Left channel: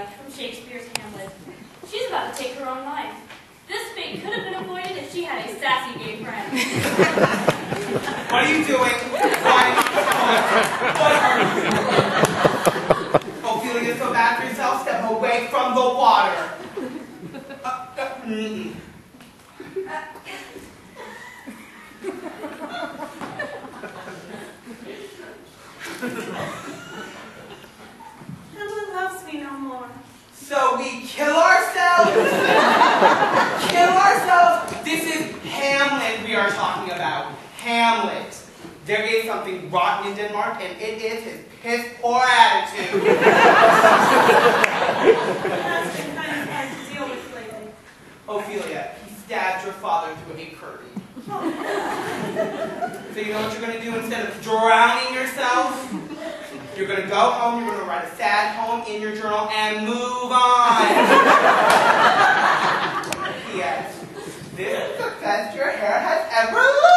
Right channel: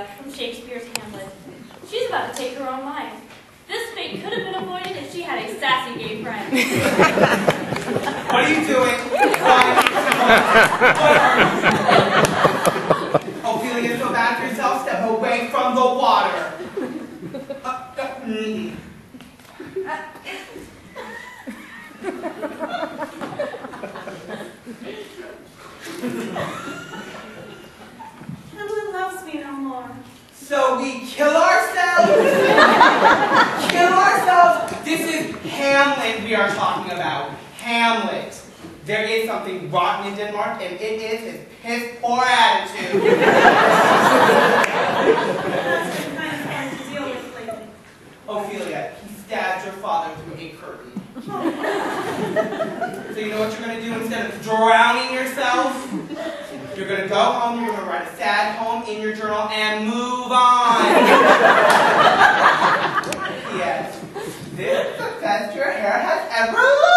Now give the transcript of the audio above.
Ophelia from Shakespeare's Hamlet. She's about to take her own life. This fate could have been avoided if she had a sassy gay friend. What are you doing? What are you doing? Ophelia, go back yourself. Step away from the water. Hamlet loves me no more. So we kill ourselves? Kill ourselves? This is Hamlet we are talking about. Hamlet. There is something rotten in Denmark, and it is his piss-poor attitude. That's been kind of hard to deal with lately. Ophelia, he stabbed your father through a curry. So you know what you're going to do instead of drowning yourself? You're going to go home, you're going to write a sad poem in your journal, and move on. Yes. This is the best your hair has ever looked.